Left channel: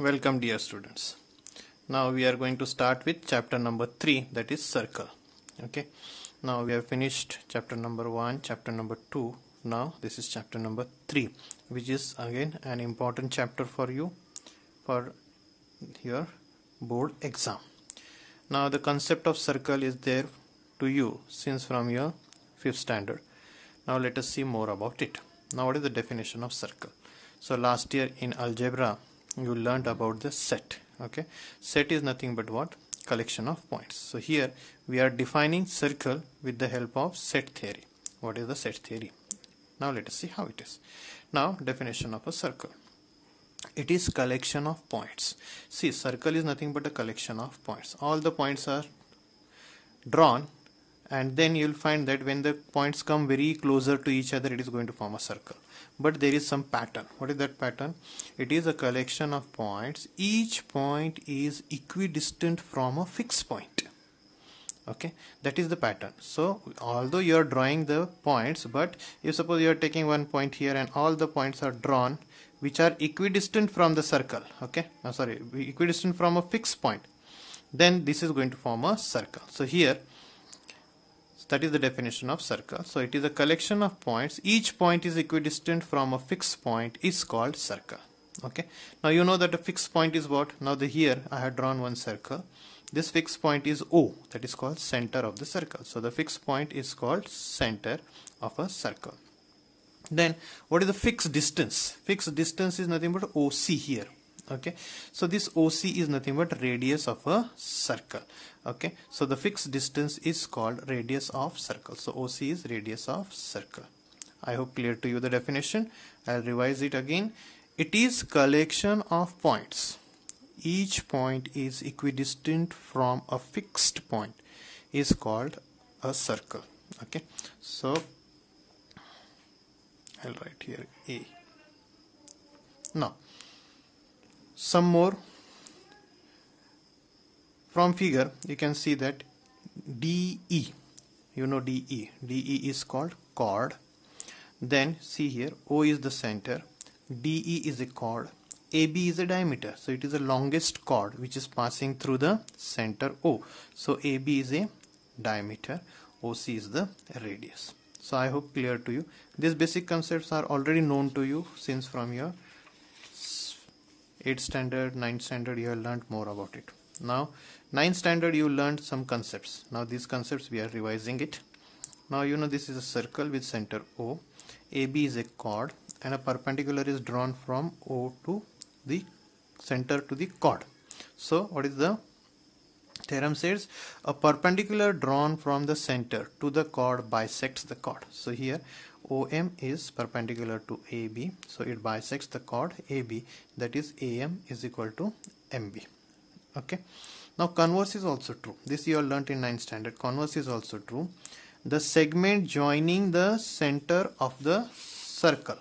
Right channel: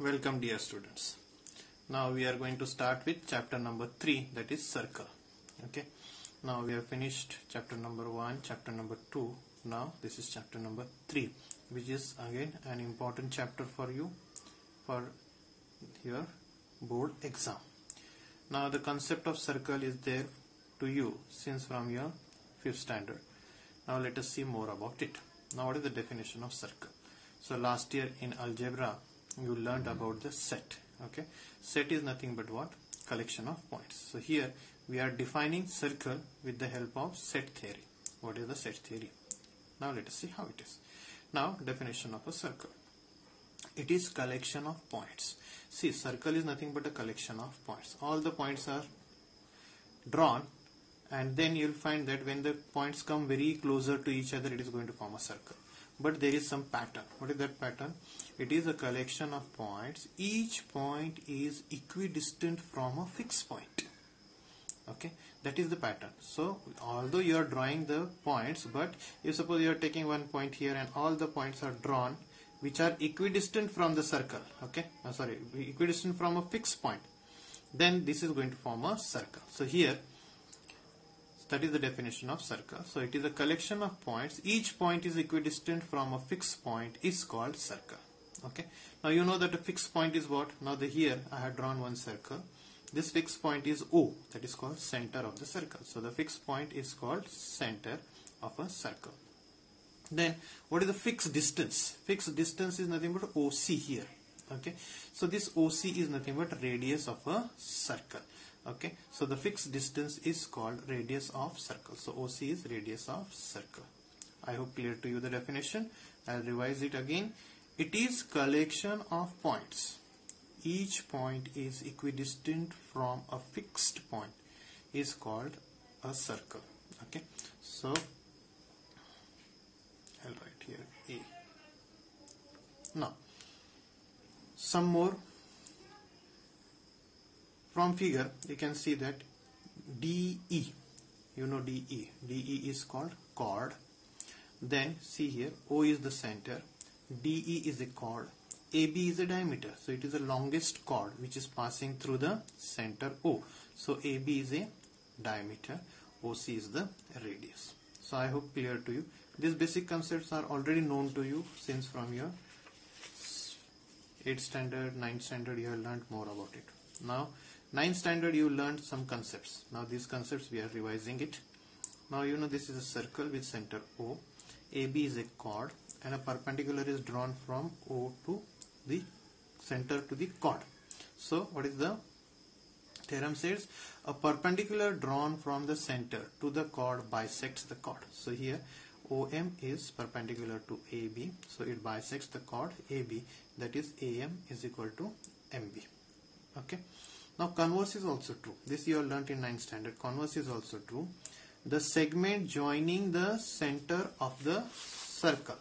Welcome dear students. Now we are going to start with chapter number 3, that is circle. Okay. Now we have finished chapter number 1, chapter number 2. Now this is chapter number 3, which is again an important chapter for you for your board exam. Now the concept of circle is there to you since from your 5th standard. Now let us see more about it. Now what is the definition of circle? So last year in algebra you learned about the set. Okay, set is nothing but what? Collection of points. So here we are defining circle with the help of set theory. What is the set theory? Now let us see how it is. Now definition of a circle. It is collection of points. See, circle is nothing but a collection of points. All the points are drawn, and then you'll find that when the points come very closer to each other, it is going to form a circle. But there is some pattern. What is that pattern? It is a collection of points. Each point is equidistant from a fixed point. Okay, that is the pattern. So although you are drawing the points, but if suppose you are taking one point here and all the points are drawn which are equidistant from the circle, okay, equidistant from a fixed point, then this is going to form a circle. So here, that is the definition of circle. So it is a collection of points. Each point is equidistant from a fixed point is called circle. Okay. Now you know that a fixed point is what? Now here I have drawn one circle. This fixed point is O. That is called center of the circle. So the fixed point is called center of a circle. Then what is the fixed distance? Fixed distance is nothing but OC here. Okay. So this OC is nothing but radius of a circle. Okay, so the fixed distance is called radius of circle. So OC is radius of circle. I hope clear to you the definition. I'll revise it again. It is collection of points. Each point is equidistant from a fixed point is called a circle. Okay, so I'll write here A. Now some more. From figure you can see that DE, you know DE is called chord. Then see here, O is the center, DE is a chord, AB is a diameter, so it is the longest chord which is passing through the center O. So AB is a diameter, OC is the radius. So I hope clear to you. These basic concepts are already known to you since from your 8th standard, 9th standard you have learned more about it. Now 9th standard you learned some concepts. Now these concepts we are revising it. Now you know this is a circle with center O. AB is a chord and a perpendicular is drawn from O to the center to the chord. So what is the theorem says? A perpendicular drawn from the center to the chord bisects the chord. So here OM is perpendicular to AB. So it bisects the chord AB, that is AM is equal to MB. Okay. Now converse is also true. This you all learnt in 9th standard. Converse is also true. The segment joining the center of the circle.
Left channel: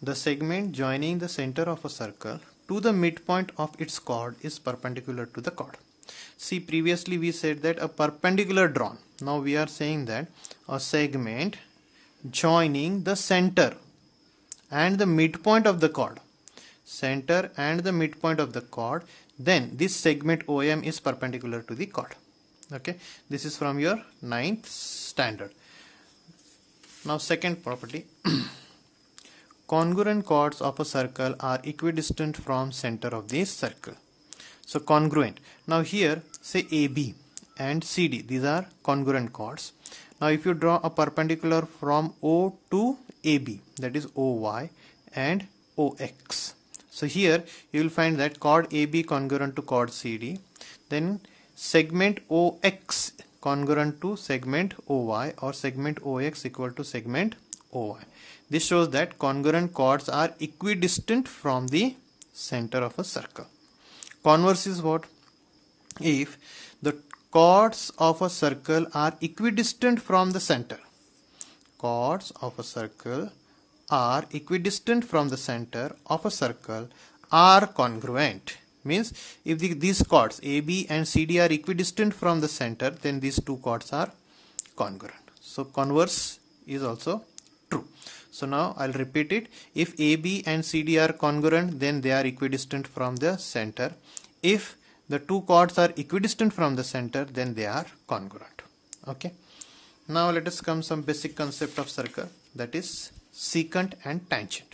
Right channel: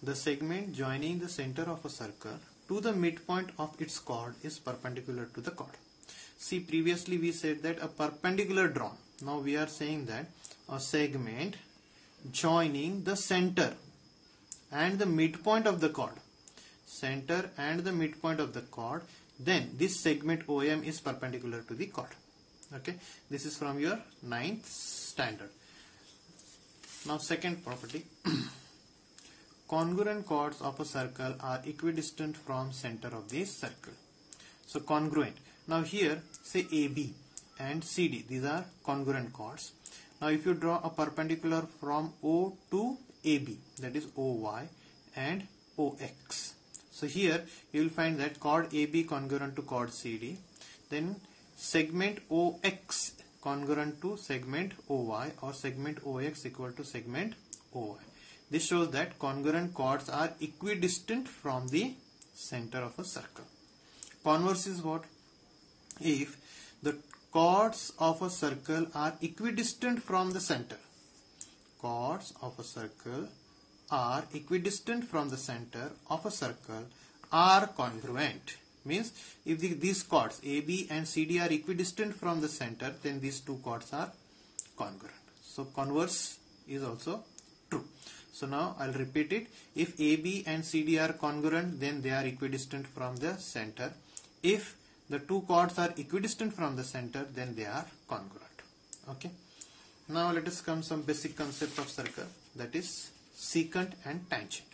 The segment joining the center of a circle to the midpoint of its chord is perpendicular to the chord. See, previously we said that a perpendicular drawn. Now we are saying that a segment joining the center and the midpoint of the chord. Center and the midpoint of the chord, then this segment OM is perpendicular to the chord. Okay, this is from your 9th standard. Now second property. Congruent chords of a circle are equidistant from center of the circle. So congruent. Now here say AB and CD, these are congruent chords. Now if you draw a perpendicular from O to AB, that is OY and OX. So here you will find that chord AB congruent to chord CD, then segment OX congruent to segment OY, or segment OX equal to segment OY. This shows that congruent chords are equidistant from the center of a circle. Converse is what? If the chords of a circle are equidistant from the center. Chords of a circle are equidistant from the center of a circle are congruent. Means if these chords AB and CD are equidistant from the center, then these two chords are congruent. So converse is also true. So now I'll repeat it. If AB and CD are congruent, then they are equidistant from the center. If the two chords are equidistant from the center, then they are congruent. Okay. Now let us come some basic concept of circle, that is secant and tangent.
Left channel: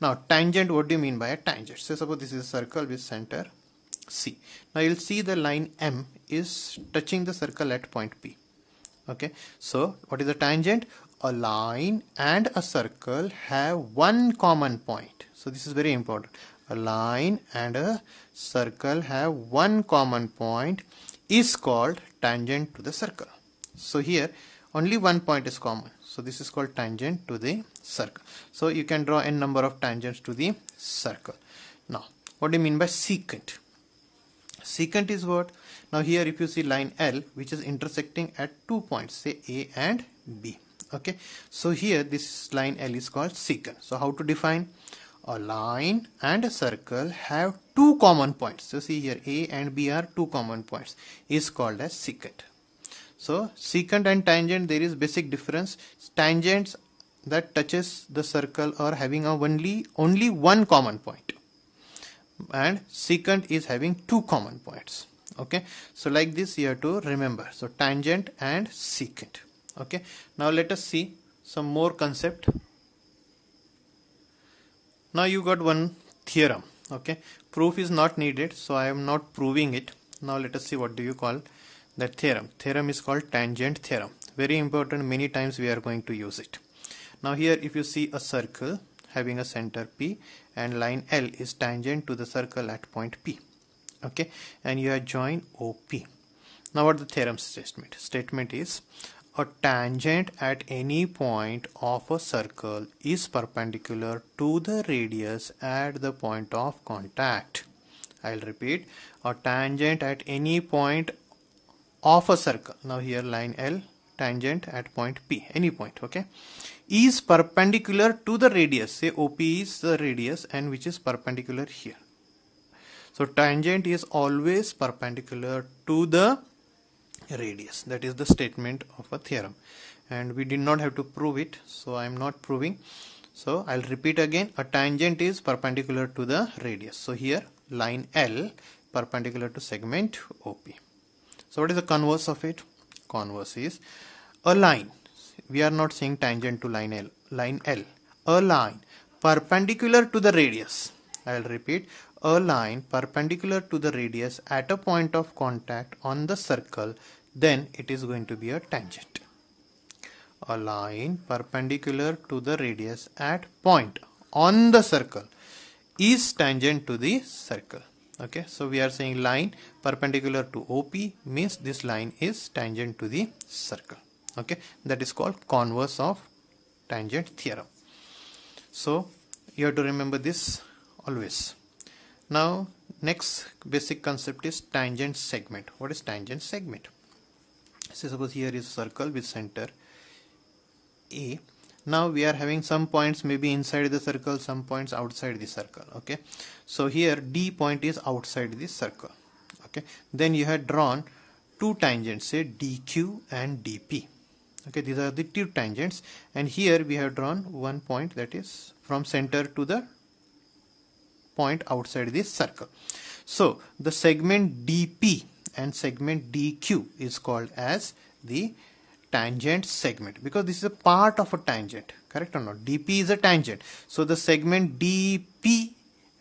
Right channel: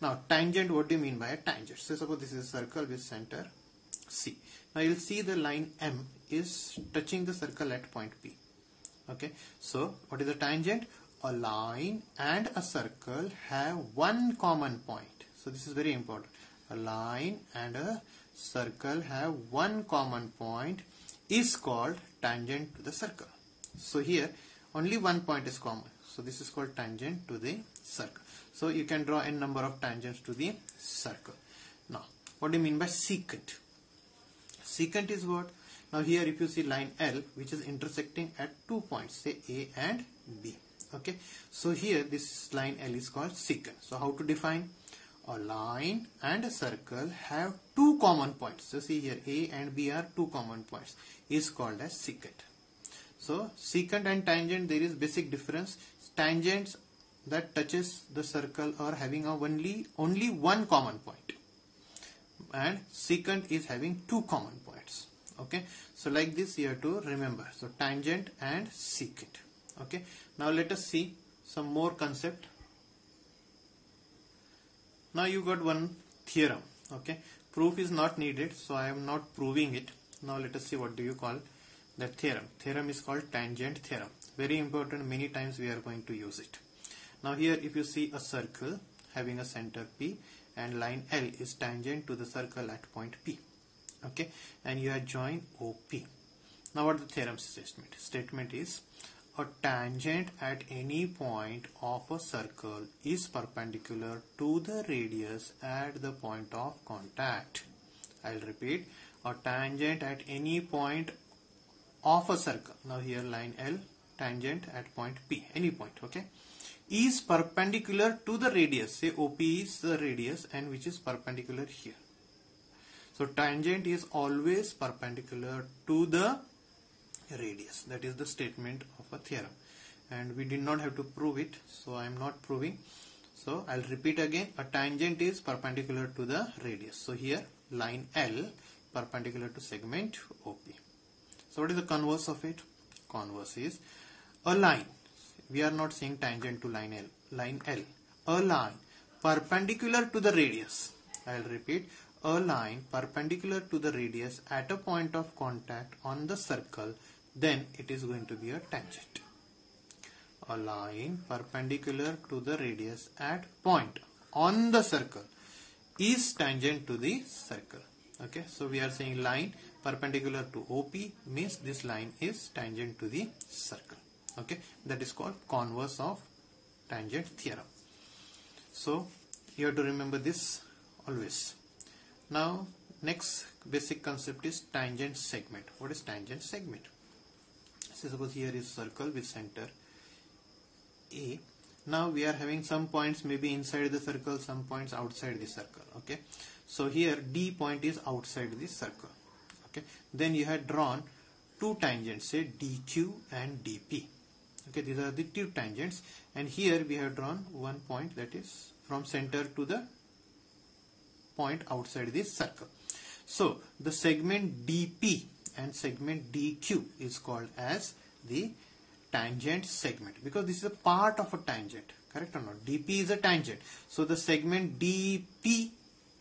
Now tangent, what do you mean by a tangent? So suppose this is a circle with center C. Now you'll see the line M is touching the circle at point P. Okay. So what is a tangent? A line and a circle have one common point. So this is very important. A line and a circle have one common point is called tangent to the circle. So here only one point is common. So this is called tangent to the circle. So you can draw n number of tangents to the circle. Now what do you mean by secant? Secant is what? Now here if you see line L which is intersecting at 2 points, say A and B. Okay. So here this line L is called secant. So how to define? A line and a circle have two common points. So see here A and B are two common points is called as secant. So secant and tangent, there is basic difference. Tangents that touches the circle are having only one common point, and secant is having two common points. Okay. So like this you have to remember. So tangent and secant. Okay. Now let us see some more concept. Now you got one theorem. Okay. Proof is not needed, so I am not proving it. Now let us see what do you call that theorem. Theorem is called tangent theorem. Very important, many times we are going to use it. Now here if you see a circle having a center P and line L is tangent to the circle at point P. Okay. And you have joined OP. Now what the theorem statement? Statement is a tangent at any point of a circle is perpendicular to the radius at the point of contact. I'll repeat. A tangent at any point of a circle. Now here line L, tangent at point P, any point, okay, is perpendicular to the radius. Say OP is the radius and which is perpendicular here. So tangent is always perpendicular to the radius. That is the statement of a theorem, and we did not have to prove it, so I am not proving. So I'll repeat again. A tangent is perpendicular to the radius. So here line L perpendicular to segment OP. So what is the converse of it? Converse is a line. We are not saying tangent to line L. Line L. A line perpendicular to the radius. I will repeat. A line perpendicular to the radius at a point of contact on the circle, then it is going to be a tangent. A line perpendicular to the radius at point on the circle is tangent to the circle. Okay, so we are saying line perpendicular to OP means this line is tangent to the circle. Okay, that is called converse of tangent theorem. So you have to remember this always. Now next basic concept is tangent segment. What is tangent segment? So suppose here is circle with center A. Now we are having some points maybe inside the circle, some points outside the circle. Okay, so here D point is outside the circle. Okay, then you have drawn two tangents, say DQ and DP. Okay, these are the two tangents, and here we have drawn one point that is from center to the point outside this circle. So the segment DP and segment DQ is called as the tangent segment, because this is a part of a tangent, correct or not? DP is a tangent, so the segment DP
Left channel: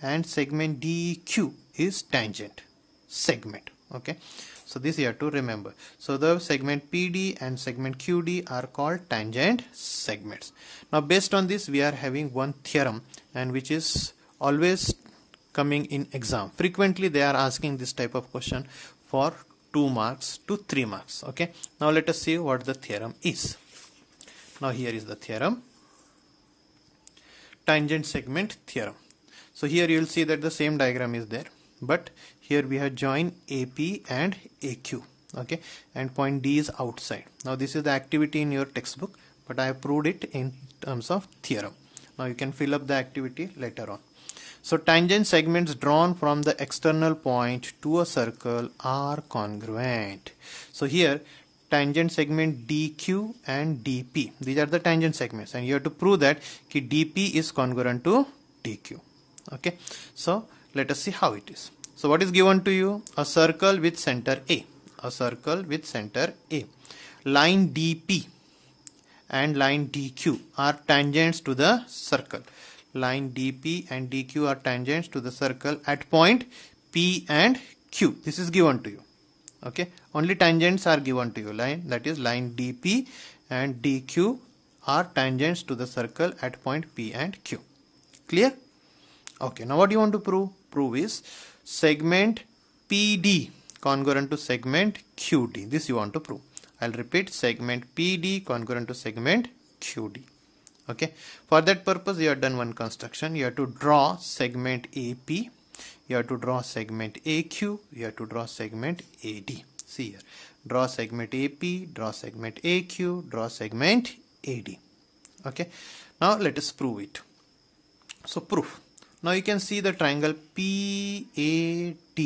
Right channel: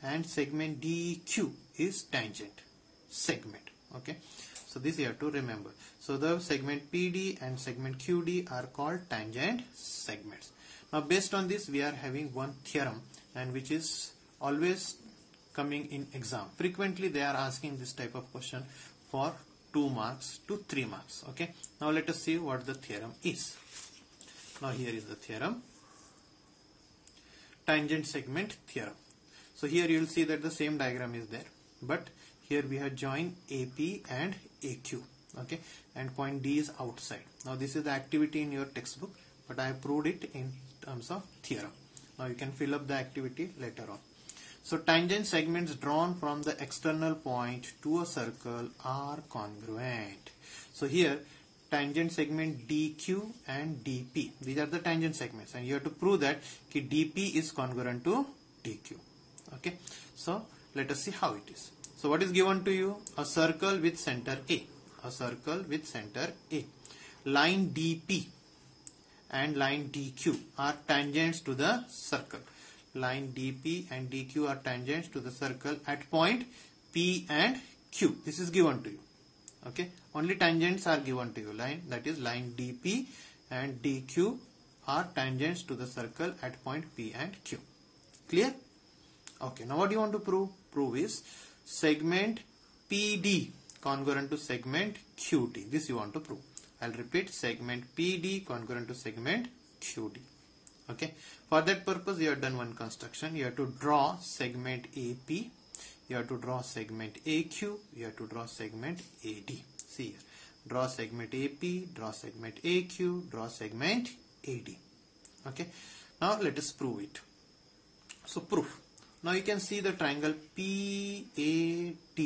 and segment DQ is tangent segment. Okay, so this you have to remember. So the segment PD and segment QD are called tangent segments. Now based on this we are having one theorem, and which is always coming in exam. Frequently they are asking this type of question for 2 marks to 3 marks. Okay, now let us see what the theorem is. Now here is the theorem, tangent segment theorem. So here you will see that the same diagram is there, but here we have joined AP and AQ. Okay, and point D is outside. Now this is the activity in your textbook, but I have proved it in terms of theorem. Now you can fill up the activity later on. So tangent segments drawn from the external point to a circle are congruent. So here tangent segment DQ and DP. These are the tangent segments, and you have to prove that DP is congruent to DQ. Okay, so let us see how it is. So what is given to you? A circle with center A. A circle with center A. Line DP and line DQ are tangents to the circle. Line DP and DQ are tangents to the circle at point P and Q. This is given to you. Okay, only tangents are given to you. Line, that is line DP and DQ are tangents to the circle at point P and Q. Clear? Okay, now what do you want to prove? Prove is segment PD congruent to segment QD. This you want to prove. I'll repeat, segment PD congruent to segment QD. Okay, for that purpose you have done one construction. You have to draw segment AP, you have to draw segment AQ, you have to draw segment AD. See here, draw segment AP, draw segment AQ, draw segment AD. Okay, now let us prove it. So proof. Now you can see the triangle PAD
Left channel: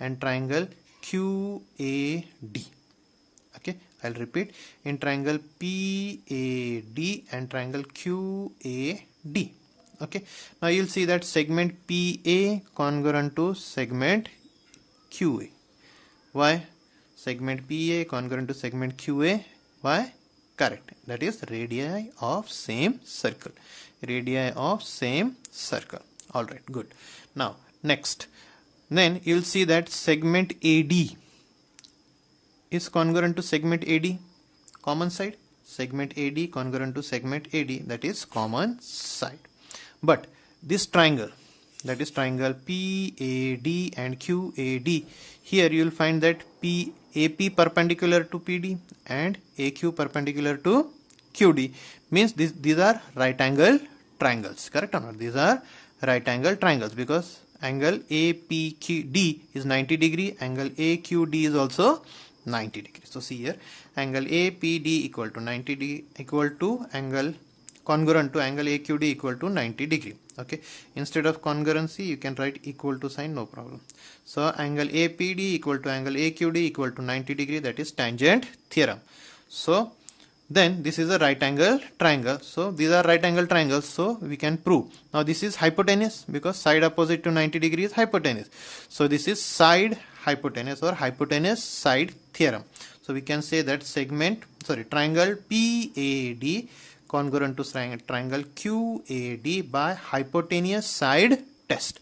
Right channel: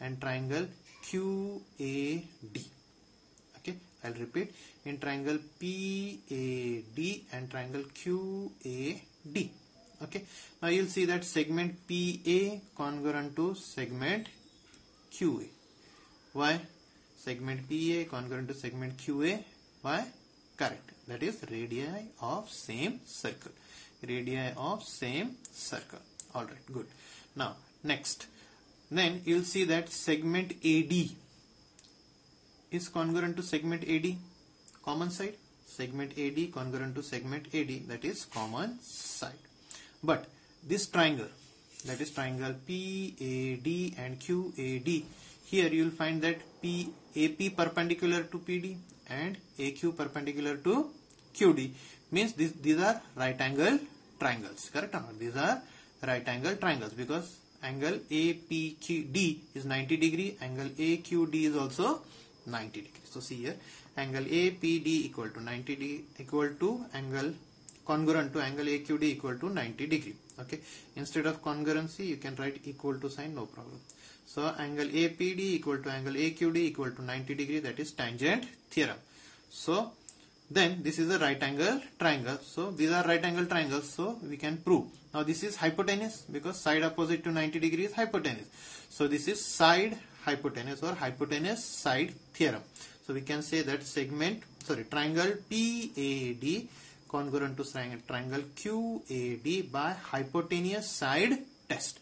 and triangle QAD. Okay, I'll repeat, in triangle PAD and triangle QAD. Okay, now you'll see that segment PA congruent to segment QA. Why? Segment PA congruent to segment QA. Why? Correct. That is radii of same circle. Radii of same circle. Alright, good. Now next, then you'll see that segment AD is congruent to segment AD, common side. Segment AD congruent to segment AD, that is common side. But this triangle, that is triangle PAD and QAD, here you will find that AP perpendicular to PD and AQ perpendicular to QD, means these are right angle triangles, correct or not? These are right angle triangles because angle APQD is 90 degree, angle AQD is also 90 degree. So see here, angle APD equal to 90 degree, equal to angle congruent to angle AQD equal to 90 degree. Okay, instead of congruency you can write equal to sign, no problem. So angle APD equal to angle AQD equal to 90 degree, that is tangent theorem. So then this is a right angle triangle. So these are right angle triangles, so we can prove. Now this is hypotenuse because side opposite to 90 degree is hypotenuse. So this is side hypotenuse or hypotenuse side theorem. So we can say that triangle PAD congruent to triangle QAD by hypotenuse side test.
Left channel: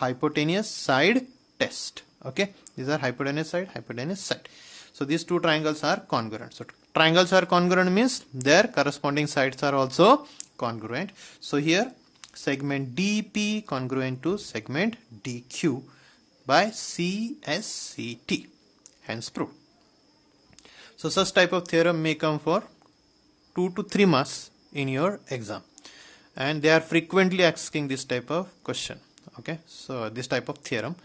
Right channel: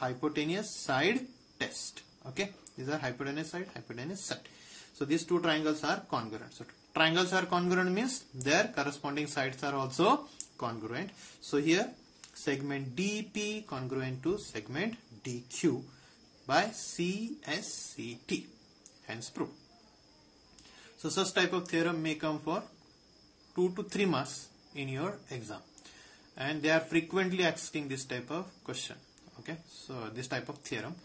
Hypotenuse side test. Okay, these are hypotenuse side. So these two triangles are congruent. So triangles are congruent means their corresponding sides are also congruent. So here segment DP congruent to segment DQ by CSCT, hence proved. So such type of theorem may come for 2 to 3 marks in your exam, and they are frequently asking this type of question. Okay, so this type of theorem,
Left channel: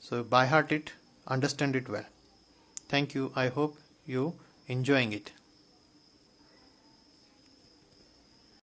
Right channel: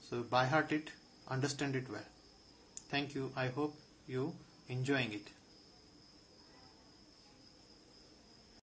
so by heart it, understand it well. Thank you. I hope you enjoying it.